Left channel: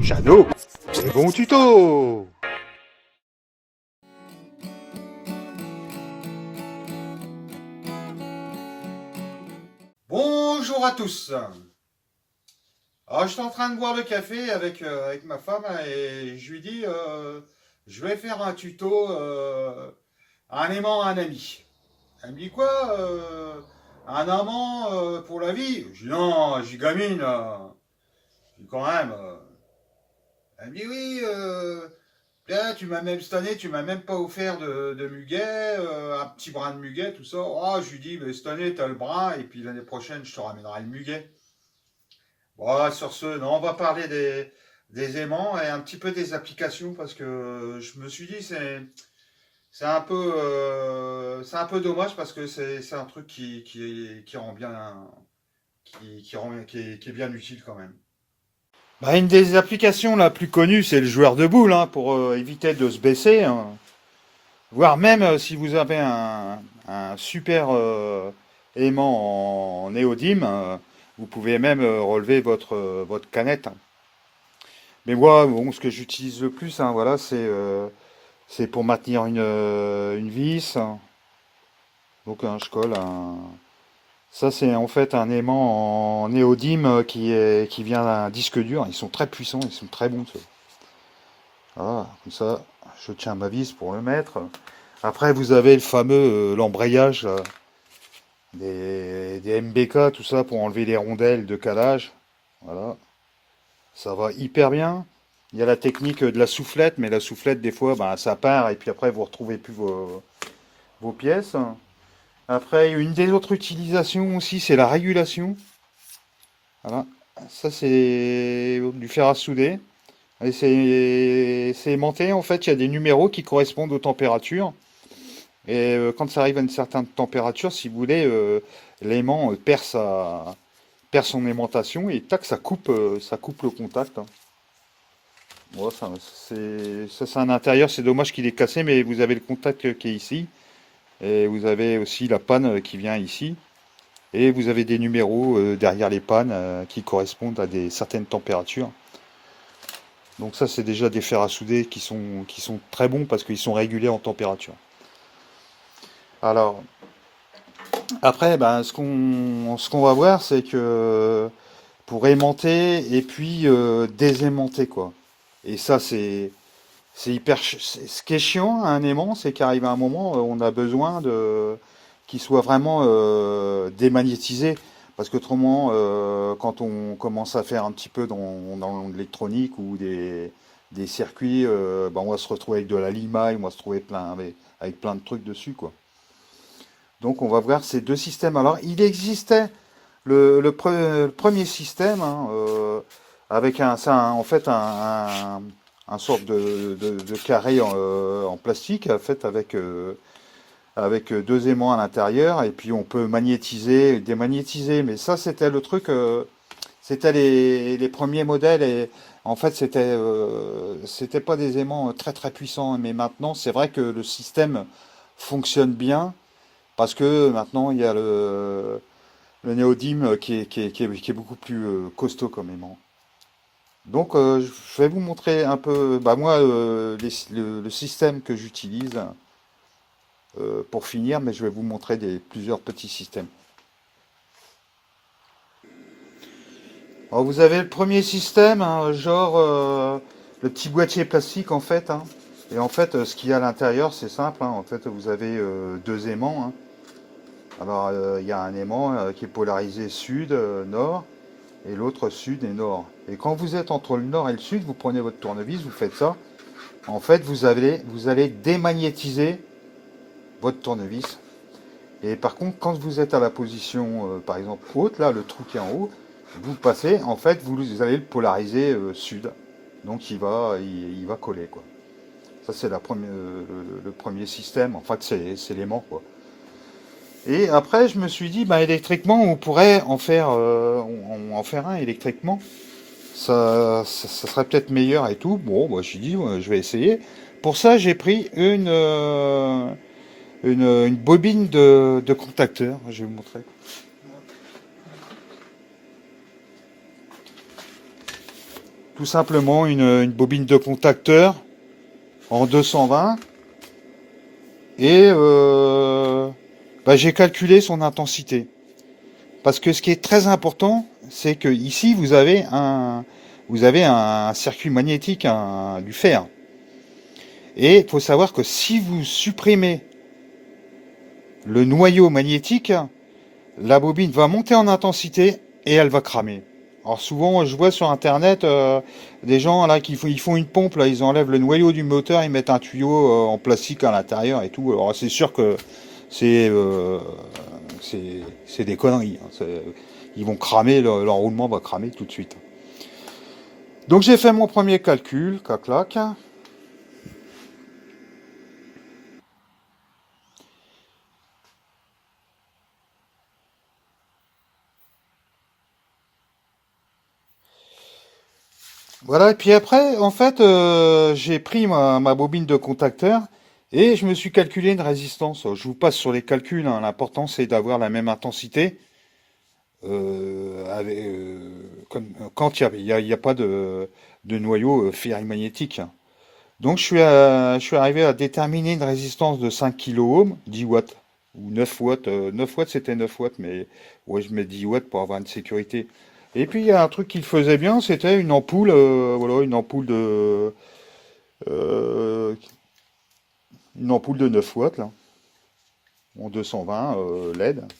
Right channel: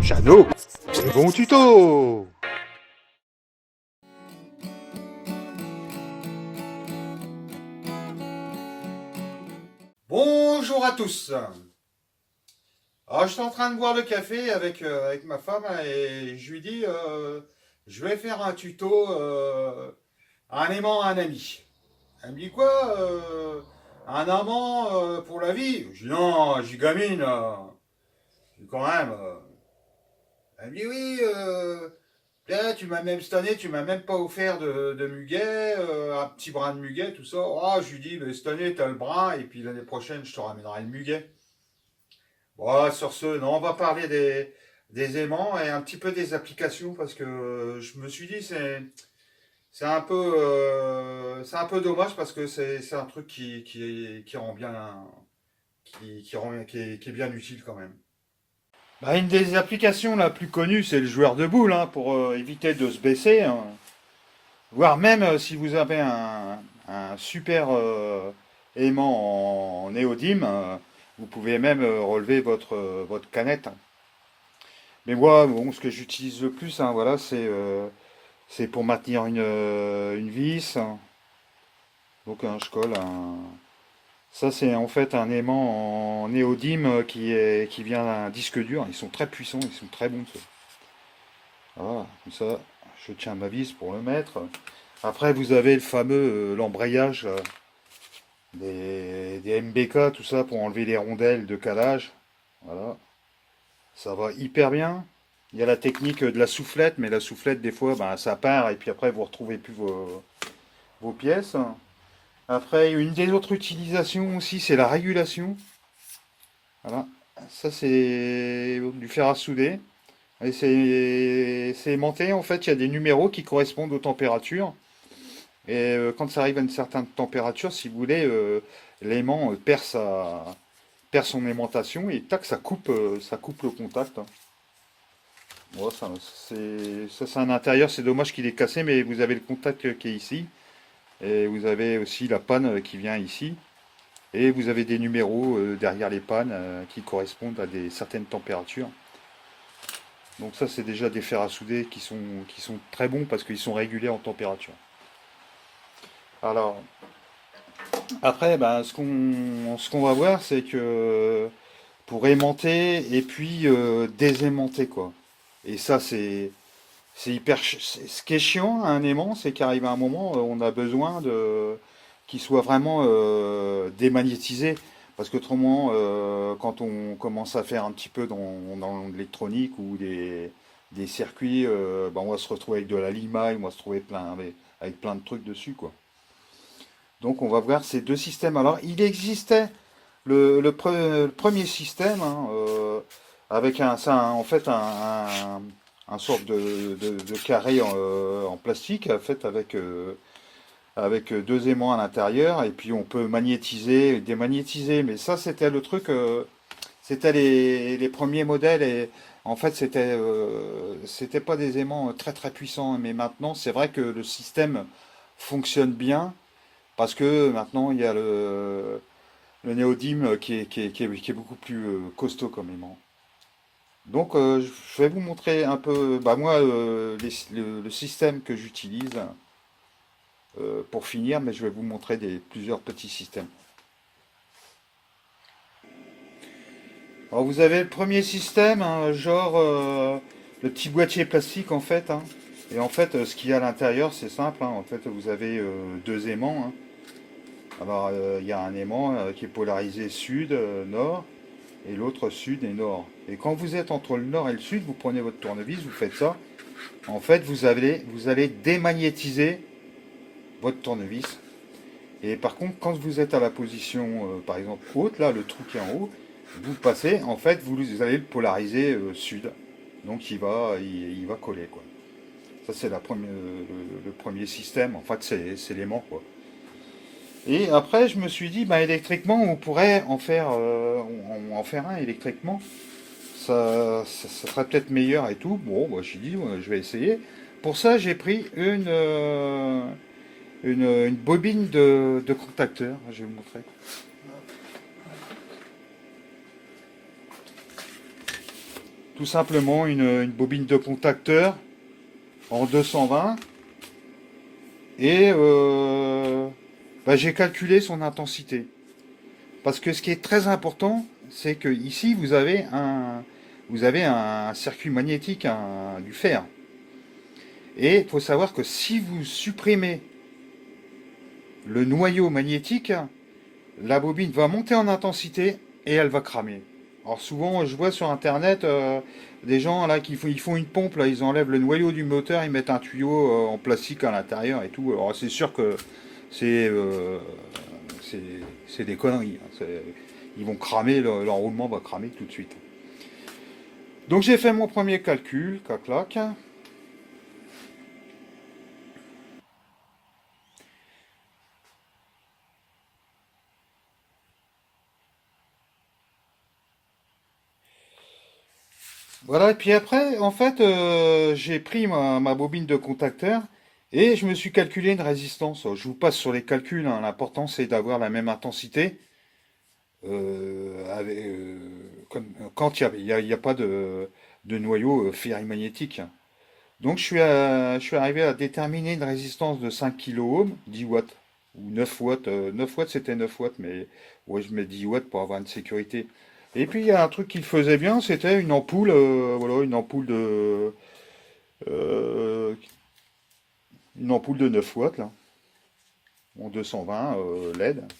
Jeannot, les bons tutos. Bonjour à tous. Alors, je suis en train de boire le café avec ma femme et je lui dis je vais faire un tuto un aimant à un ami. Elle me dit quoi un amant pour la vie? Je dis non, j'y gamine. Je dis quand même. Elle me dit oui, là, tu m'as même cette année, tu m'as même pas offert de muguet, un petit brin de muguet, tout ça. Oh, je lui dis, mais cette année, t'as le brin, et puis l'année prochaine, je te ramènerai le muguet. Bon, sur ce, non, on va parler des aimants et un petit peu des applications parce que je me suis dit c'est un peu dommage parce que c'est un truc qui rend bien qui est bien utile quand même. Bah, une des applications la plus connue, c'est le joueur de boules hein, pour éviter de se baisser, hein. Voire même si vous avez un super aimant en néodyme, vous pouvez même relever votre canette, hein. Mais moi, bon, ce que j'utilise le plus, hein, voilà, c'est pour maintenir une vis, hein. Donc je colle un. Ça, c'est en fait un aimant en néodyme qui vient d'un disque dur. Ils sont très puissants, ils sont très bons, ceux. Voilà, comme ça, je tiens ma vis pour le mettre. Après, vous avez le fameux l'embrayage là, des MBK, tout ça, pour enlever les rondelles de calage. Voilà, ça va hyper bien. Il y a la technique de la soufflette, mais la soufflette, des fois, ben, ça part et puis après, vous retrouvez plus vos pièces. Après, une des autres utilisations aussi, c'est la régulation. Voilà, ça, c'est du fer à souder. Et c'est aimanté, en fait, il y a des numéros qui correspondent aux températures. Et quand ça arrive à une certaine température, si vous voulez, l'aimant perd son aimantation et tac, ça coupe le contact, hein. Bon, ça, c'est un intérieur, c'est dommage qu'il est cassé, mais vous avez le contact qui est ici. Et vous avez aussi la panne qui vient ici. Et vous avez des numéros derrière les pannes qui correspondent à des certaines températures. Donc ça, c'est déjà des fers à souder qui sont très bons parce qu'ils sont régulés en température. Alors, après, ben, ce qu'on va voir, c'est que pour aimanter et puis désaimanter, quoi. Et ça, c'est ce qui est chiant à un aimant, c'est qu'arrive un moment, on a besoin de qu'il soit vraiment démagnétisé. Parce qu'autrement, quand on commence à faire un petit peu dans l'électronique ou des circuits, ben, on va se retrouver avec de la limaille, on va se trouver avec plein de trucs dessus, quoi. Donc on va voir ces deux systèmes. Alors il existait le premier système hein, avec en fait un sorte de carré en plastique fait avec deux aimants à l'intérieur et puis on peut magnétiser, démagnétiser. Mais ça c'était le truc, c'était les premiers modèles et en fait c'était pas des aimants très très puissants. Mais maintenant c'est vrai que le système fonctionne bien parce que maintenant il y a le néodyme qui est beaucoup plus costaud comme aimant. Donc je vais vous montrer un peu, bah, moi, le système que j'utilise pour finir, mais je vais vous montrer plusieurs petits systèmes. Alors vous avez le premier système, hein, genre le petit boîtier plastique en fait, hein. Et en fait, ce qu'il y a à l'intérieur, c'est simple, hein. En fait, vous avez deux aimants, hein. Alors, il y a un aimant qui est polarisé sud-nord et l'autre sud et nord. Et quand vous êtes entre le nord et le sud, vous prenez votre tournevis, vous faites ça. En fait, vous allez démagnétiser votre tournevis. Et par contre, quand vous êtes à la position, par exemple, haute, là, le trou qui est en haut, vous passez, en fait, vous allez le polariser sud. Donc, il va coller, quoi. Ça, c'est le premier système. En fait, c'est l'aimant, quoi. Et après, je me suis dit, bah, électriquement, on pourrait en faire un électriquement. Ça serait peut-être meilleur et tout. Bon, moi, je suis dit, ouais, je vais essayer. Pour ça, j'ai pris une bobine de contacteur. Je vais vous montrer. tout simplement une bobine de contacteur en 220. Et bah, j'ai calculé son intensité. Parce que ce qui est très important, c'est que ici vous avez un circuit magnétique, du fer. Et il faut savoir que si vous supprimez le noyau magnétique, la bobine va monter en intensité et elle va cramer. Alors souvent, je vois sur internet des gens là ils font une pompe, là, ils enlèvent le noyau du moteur, ils mettent un tuyau en plastique à l'intérieur et tout. Alors c'est sûr que c'est euh, c'est des conneries, hein. Ils vont cramer, l'enroulement va cramer tout de suite. Donc j'ai fait mon premier calcul, clac clac. Voilà, et puis après, en fait, j'ai pris ma bobine de contacteur et je me suis calculé une résistance. Je vous passe sur les calculs, hein. L'important c'est d'avoir la même intensité quand il y a pas de noyau ferrimagnétique. Donc je suis arrivé à déterminer une résistance de 5 kΩ, 10 watts, ou 9 watts. 9 watts c'était 9 watts, mais ouais, je mets 10 watts pour avoir une sécurité. Et puis il y a un truc qu'il faisait bien, c'était une ampoule, voilà, euh, une ampoule de 9 watts, là, en 220 LED.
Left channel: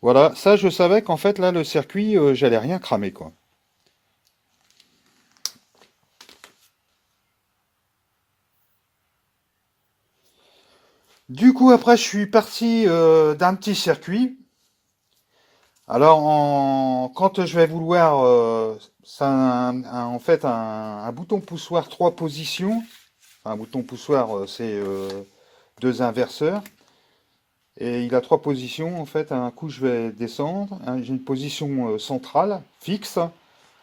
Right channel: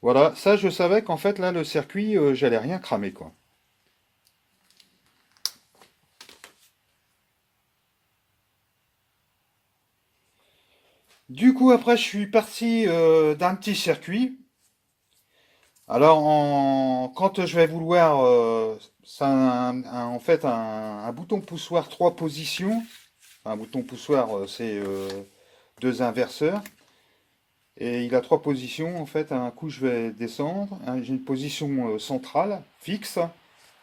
Voilà, ça je savais qu'en fait là le circuit, j'allais rien cramer quoi. Du coup après je suis parti d'un petit circuit. Alors, quand je vais vouloir, c'est en fait un bouton poussoir trois positions. Un bouton poussoir, c'est deux inverseurs. Et il a trois positions. En fait, un coup, je vais descendre. J'ai une position centrale, fixe.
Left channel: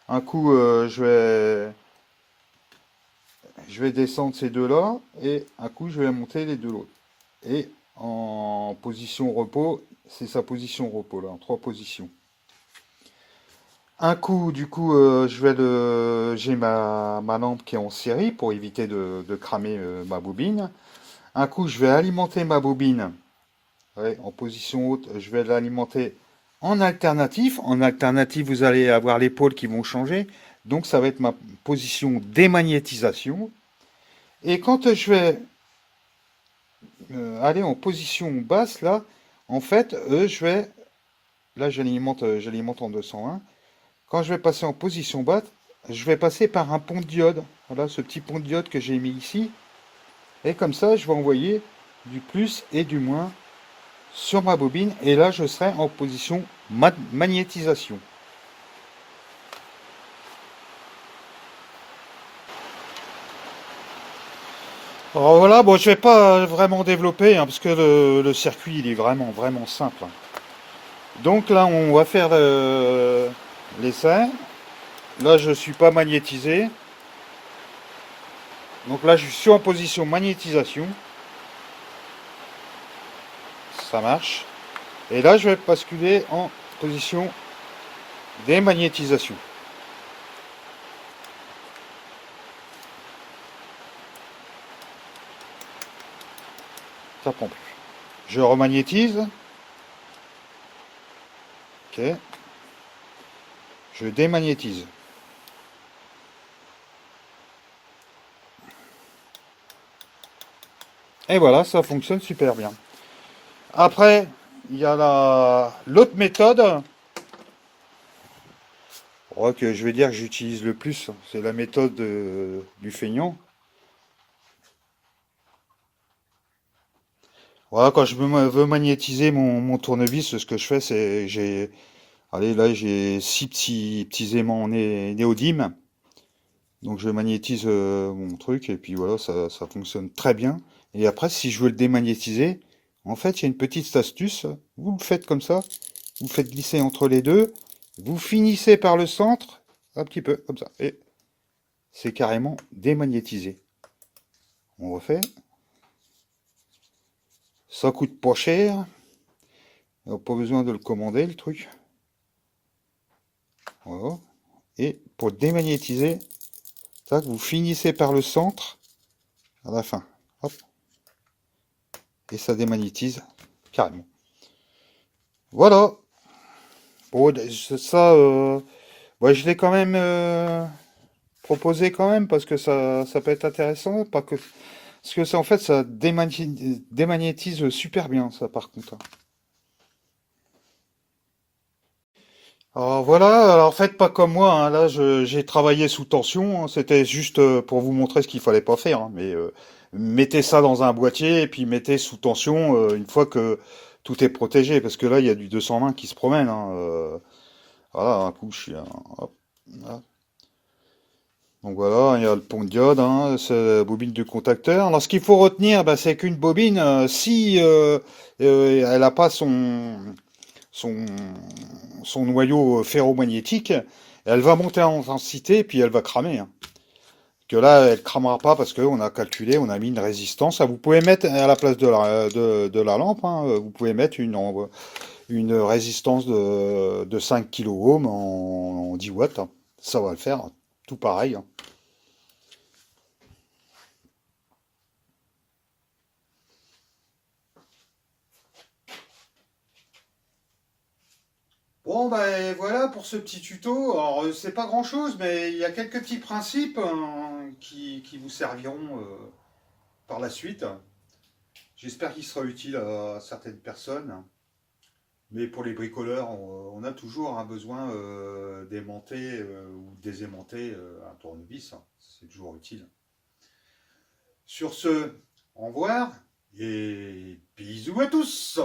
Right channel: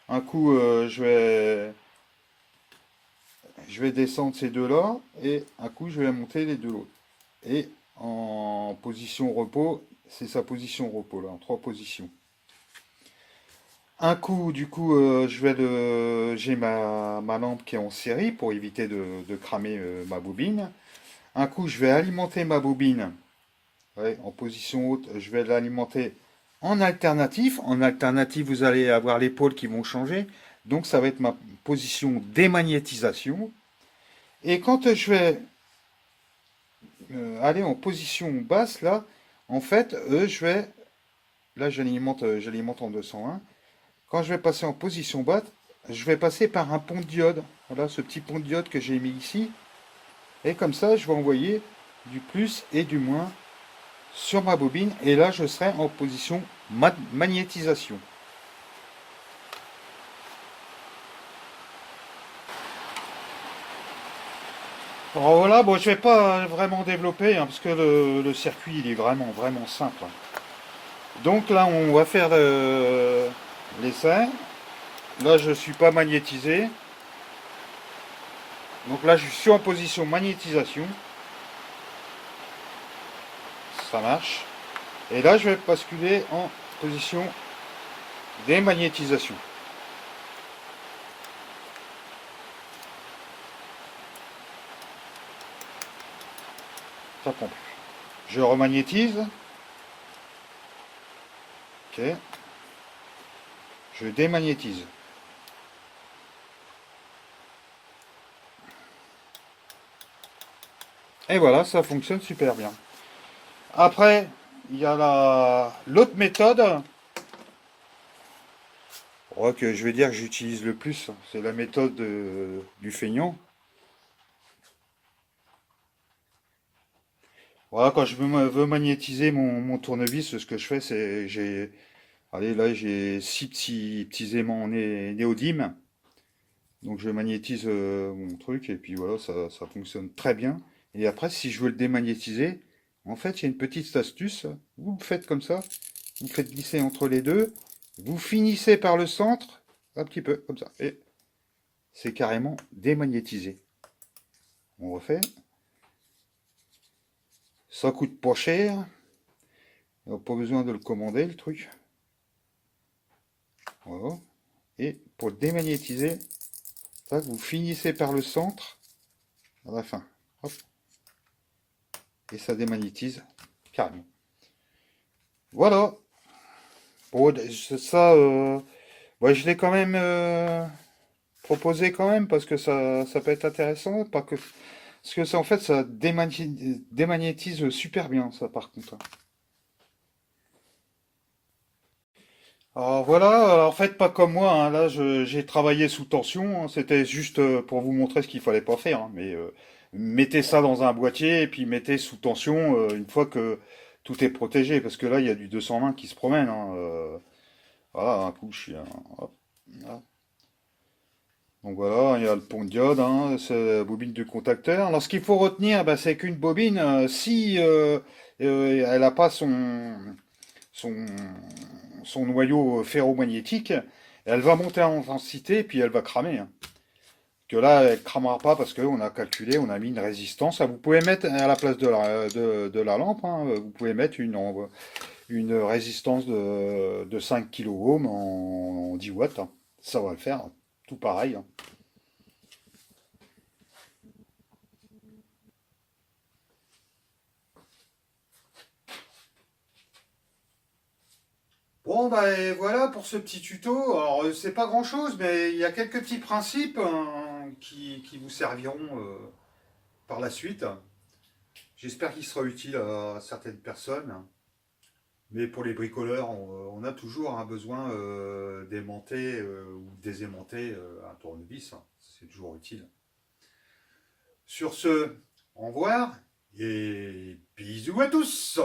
Un coup, je vais descendre ces deux-là. Et un coup, je vais monter les deux l'autre. Et en position repos, c'est sa position repos, là, en trois positions. Un coup, du coup, j'ai ma lampe qui est en série pour éviter de cramer ma bobine. Un coup, je vais alimenter ma bobine, ouais, en position haute. Je vais l'alimenter en alternatif. En alternatif, vous allez avoir les pôles qui vont changer. Donc, ça va être ma position démagnétisation. Et quand je vais aller en position basse, là, en fait, là, j'alimente en 201. Quand je vais passer en position basse, je vais passer par un pont de diode. Voilà, ce petit pont de diode que j'ai mis ici. Et comme ça, je vais envoyer du plus et du moins sur ma bobine. Et là, je serai en position magnétisation. Alors voilà, bon, je vais pas vraiment développer, hein, parce que le circuit, il est vraiment, vraiment simple, hein. Donc là, on va faire l'essai. Là, je suis pas magnétisé. Donc là, je suis en position magnétisation. Ça marche. Et là, je vais basculer en position démagnétisation. Ça prend plus. Je remagnétise. Ok. Je démagnétise. Et voilà, ça fonctionne super bien. Après, il y a l'autre méthode, oh, que je vais dire que j'utilise le plus. C'est la méthode du feignant. Voilà, quand je veux magnétiser mon tournevis, ce que je fais, c'est allez, là, j'ai six petits aimants néodymes. Donc je magnétise mon truc et puis voilà, ça fonctionne très bien. Et après, si je veux le démagnétiser, en fait, il y a une petite astuce. Vous le faites comme ça, vous le faites glisser entre les deux, vous finissez par le centre, un petit peu comme ça, et c'est carrément démagnétisé. On refait. Ça coûte pas cher, pas besoin de le commander le truc. Voilà. Et pour démagnétiser, tac, vous finissez par le centre à la fin. Hop, et ça démagnétise carrément. Voilà. Bon, ça, ouais, je l'ai quand même proposé quand même parce que ça peut être intéressant, pas que parce que ça en fait ça démagnétise super bien ça par contre, hein. Alors voilà, alors faites pas comme moi, hein. Là j'ai travaillé sous tension, hein. C'était juste pour vous montrer ce qu'il fallait pas faire, hein. Mais mettez ça dans un boîtier et puis mettez sous tension une fois que tout est protégé, parce que là il y a du 220 qui se promène, hein. Voilà, un coup je suis hop, là. Donc voilà, il y a le pont de diode, hein, c'est la bobine de contacteur. Alors ce qu'il faut retenir, bah, c'est qu'une bobine, si elle n'a pas son, son noyau ferromagnétique, elle va monter en intensité et puis elle va cramer, hein. Que là, elle cramera pas parce qu'on a calculé, on a mis une résistance. Ah, vous pouvez mettre à la place de la lampe, hein, vous pouvez mettre une résistance de 5 kOhms en 10 watts, hein. Ça va le faire, tout pareil, hein. Bon, bah et voilà pour ce petit tuto. Alors, c'est pas grand-chose, mais il y a quelques petits principes qui vous serviront par la suite. J'espère qu'il sera utile à certaines personnes. Mais pour les bricoleurs, on a toujours un besoin d'aimanter ou désaimanter un tournevis, hein. C'est toujours utile. Sur ce, au revoir et bisous à tous!